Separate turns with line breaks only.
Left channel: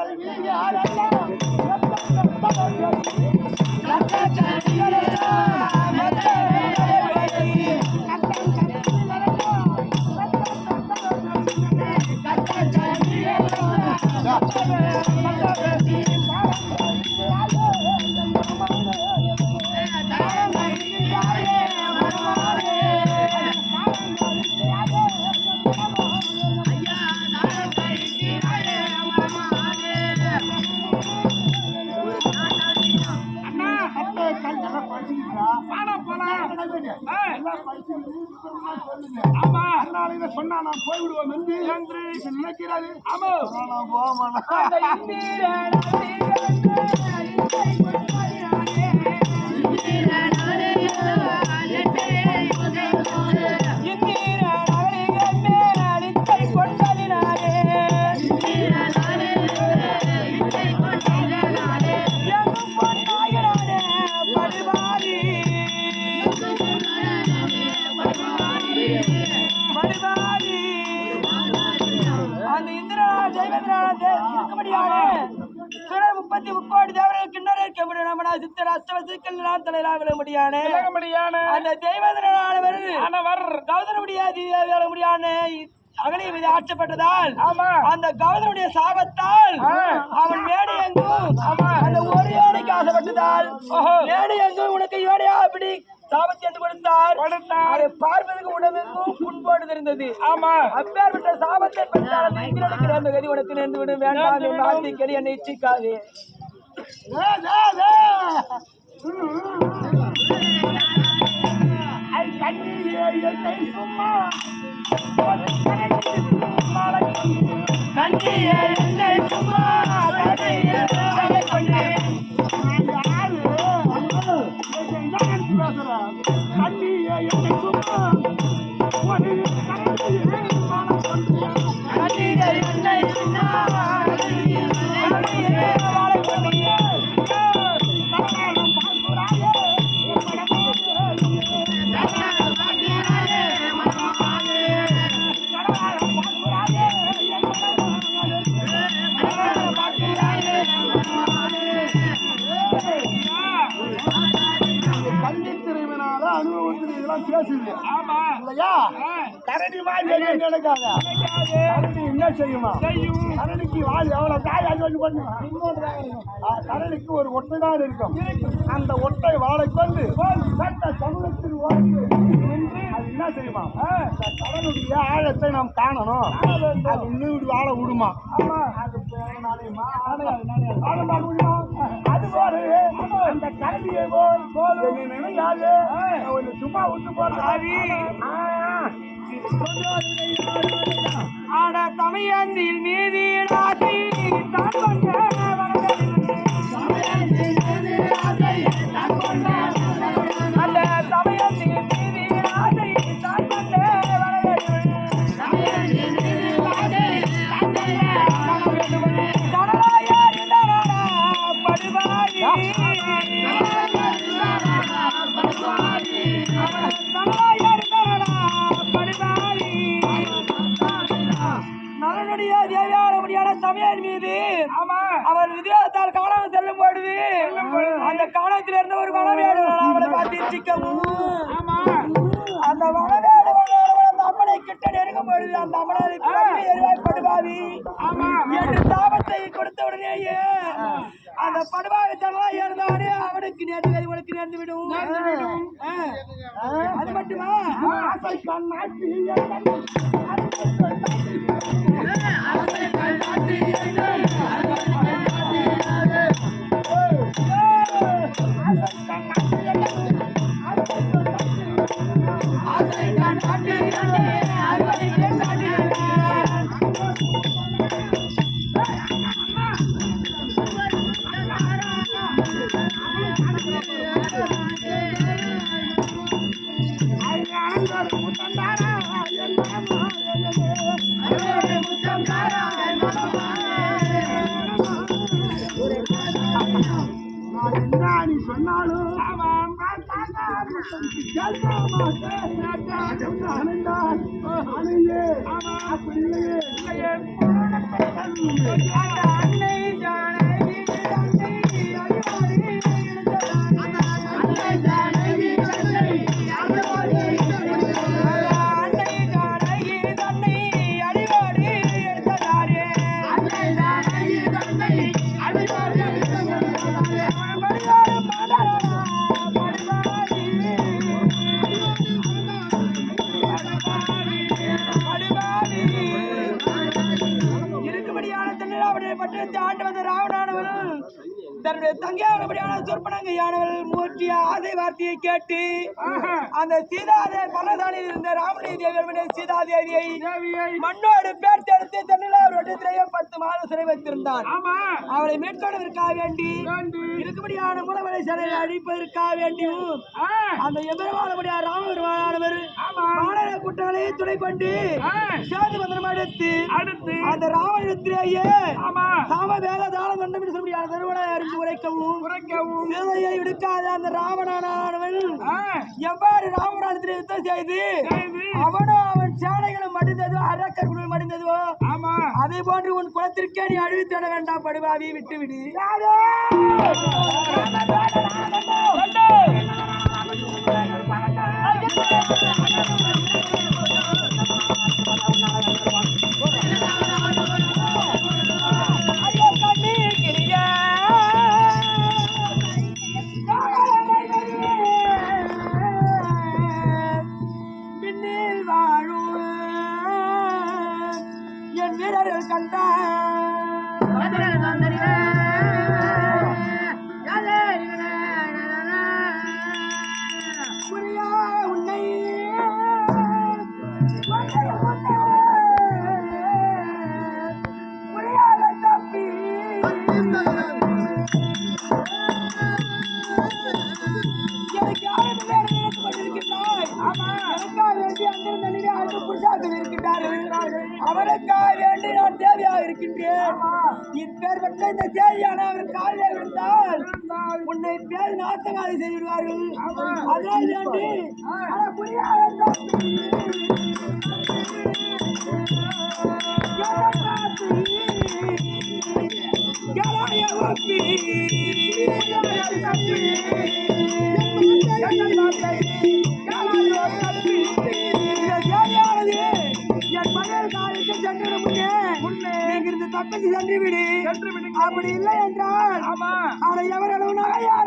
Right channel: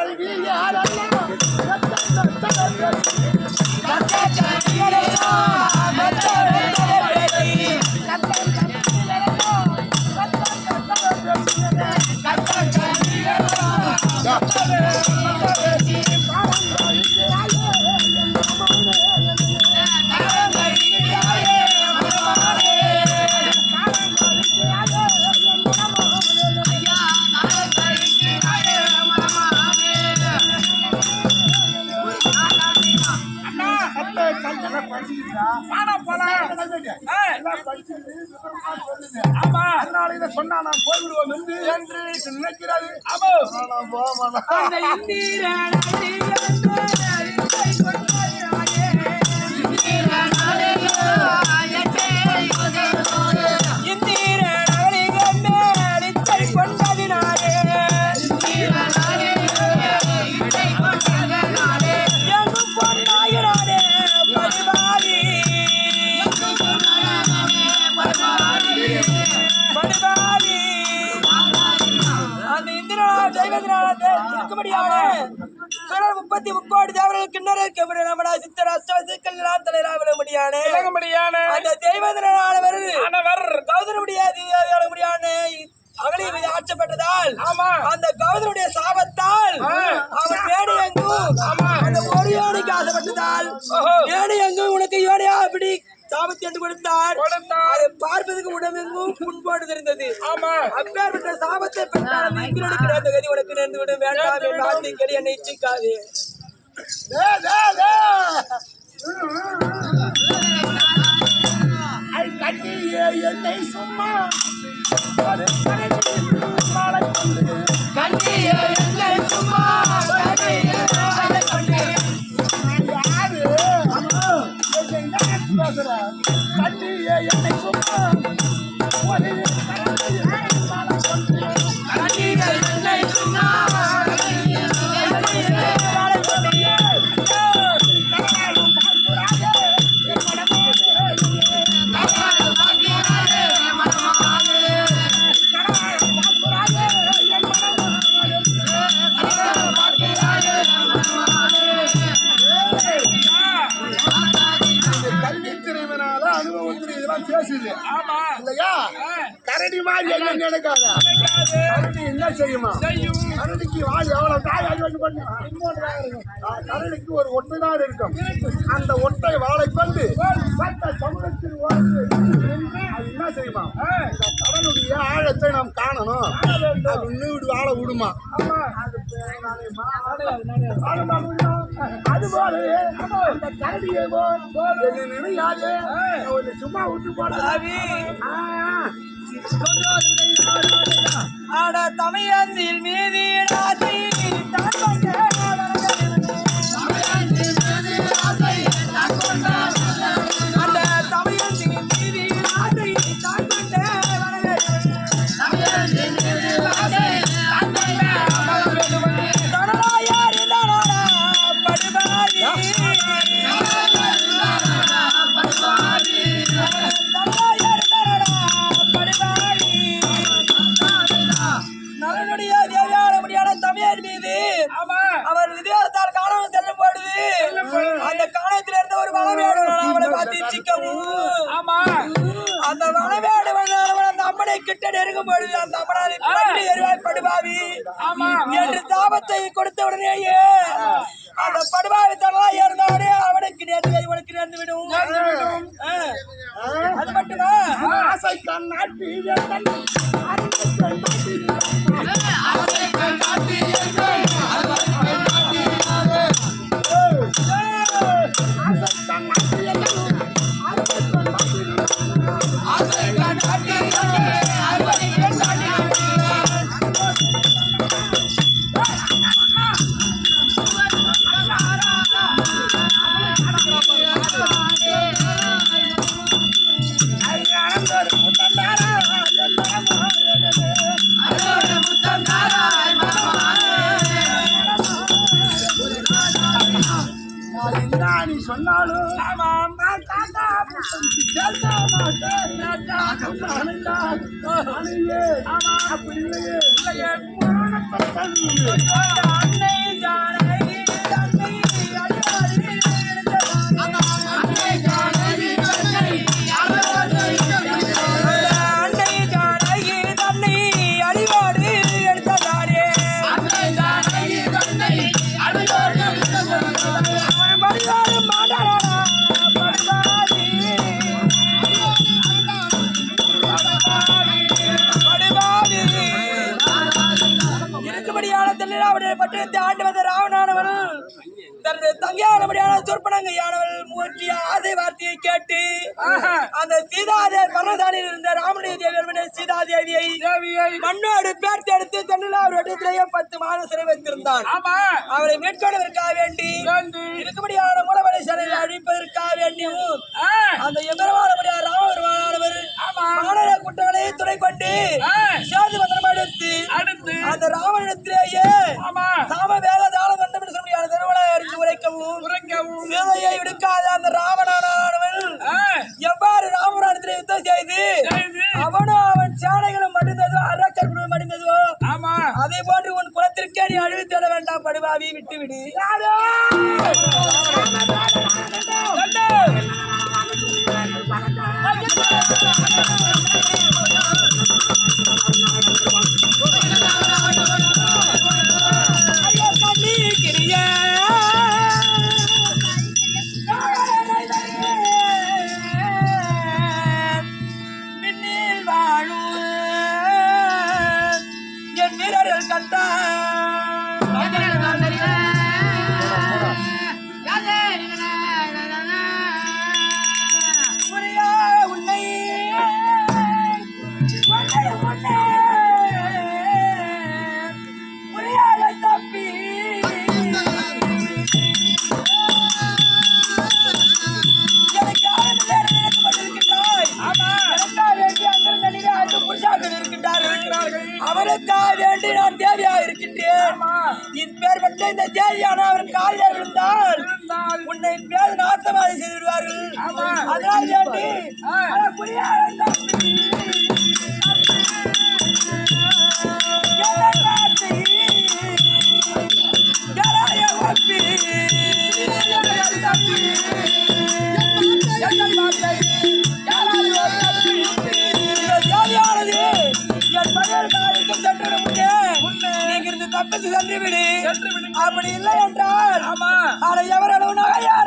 கல்வி யாரெல்லாம் சொன்னா நான் போய்விடுவோம் என்று என்று நினைக்கிறது
ஆமா.
நான் போக மாட்டேன்.
இருக்கும்படியான சுரர் முப்பத்தி முக்கோடி தேவர்கள் கிண்ணற் கபடி நம்மடா சித்தர் அஷ்டவ சிக்கல் தலையிலா விட முடியானே.
முடியான
அந்த தெய்வத்தினானவர்
ஆனவர்.
கௌதர முடியாது முடியான. அகலிய மீது ஆட்சப்பட்டதால்
ஆமா.
அந்த கௌதரனுடைய சாபத்தால். அவன் மேடு எங்கும் அந்த ஒரு யோனிக்கு ஆசைப்பட்டதால். மேடு எங்கும் உனக்கு யோனியா அப்படி சாபத்தை எடுத்து கொடுத்தார்.
கொடுத்தார்.
பார்ப்பதற்கு உடம்பெங்கும் புண்போடு இருந்தது.
ஆமா.
அப்பேற்பட்ட சாபத்தை பெற்றால் நேர்ந்த கதி உனக்கு நேர்ந்து விடும். வேண்டாம். என் வார்த்தை கேளு என்னை இச்சிக்காதே.
என்னை சும்மா. கரடி மாதிரி என்ன நினைக்காத? கரடி என்ன செய்யுமா? கரடிக்கு வால் எவ்வளவு காய் பண்ணுமா கரடிக்கு ஒரு ஒட்டை தான் இருக்கும். அந்த ஒட்டை வாழை கொண்டு சட்ட சமூகத்தில் அது என்ன செய்யுமா? கடலுடைய ஆழத்தை நாம் காணணும். அது இன்னும் வாழ விடுமா? அது போலவே அந்த கரடியை போல். என்ன நினையாது உன்னை சும்மா விட்டு போட
ஆவி. ஆட தமையந்தில் மீதி ராசி அந்த காணத்தில் இருந்த ஒரு வனவேடு அவளை பார்த்து சிக்கவும் அந்த வனவேடு அந்த அம்மனை கிட்ட நெருங்கும் பொழுது அந்த அம்மனை பிறகு எரிவாய் படுபாவி என்று தாபத்தை கொடுத்த உடனேயே அந்த படுபாவி இருந்தானே அவனுக்கு நேர்ந்து கதி உனக்கு நேர்ந்து விடும். அது மட்டுமா?
ஆசை கண்ணாட்டி நீ அணுயே அப்படி இல்லையே
சூறாவளியை பற்றி இந்த ஆண்டு வந்த ராவணானவர்கள் தன்னுடைய தங்கையானபடியான சொற்பனங்கையானவள் மூட்டிய ஆசை வார்த்தையை கேட்டு அந்த சீதாதேவி பர்ணசாலையில் இருந்த ராமனுடைய தேவி சீதாதேவியை மண்ணோடு பேர்த்து எடுத்து தன்னில் அவர் இடத்திலேயே பத்து மாதம் சிறை வைத்திருந்தான் அவரை மீட்கொள்வதற்காக வேண்டி இருக்கும்படியான மூலவரை சிலையை அழிப்பதற்காக வேண்டியும் அந்த எம்பெருமானபடியார் ராமபெருமானவர் மாநகர குற்றங்களை துணை கொண்டு சேது மந்திரம் எடுத்து
அடுத்து.
அந்த ராவணத்திலேயே
ஆமா.
சாம வேத தாளம் கண்டம் என்று சொல்லியான திருவிழா அறிந்து உரைக்கவும்
உரைக்கவும்
சீதையை விடுக்காத அந்த ராவணானவன் எவ்வாறு ராமராணத்தில் யுத்தம் செய்து. அவனும் அவன் சேனைகளும் மடிந்ததோ அரக்கர் குழுவும் மடிந்ததோ
ஆமா.
அதே போன்று உன் குலத்திற்கே நீ அழிவு தேட வேண்டாம் படுவாவி விட்டு விடு யாரோ? நாட்டை? யாராய ஒப்பி? இந்த தேவியானது என் மகள் காலுக்கு சென்று முன்னே நீங்க இருந்து தப்பித்து சென்று விடு அப்படி இல்லை என்றால் அதை எவரளவு நகையார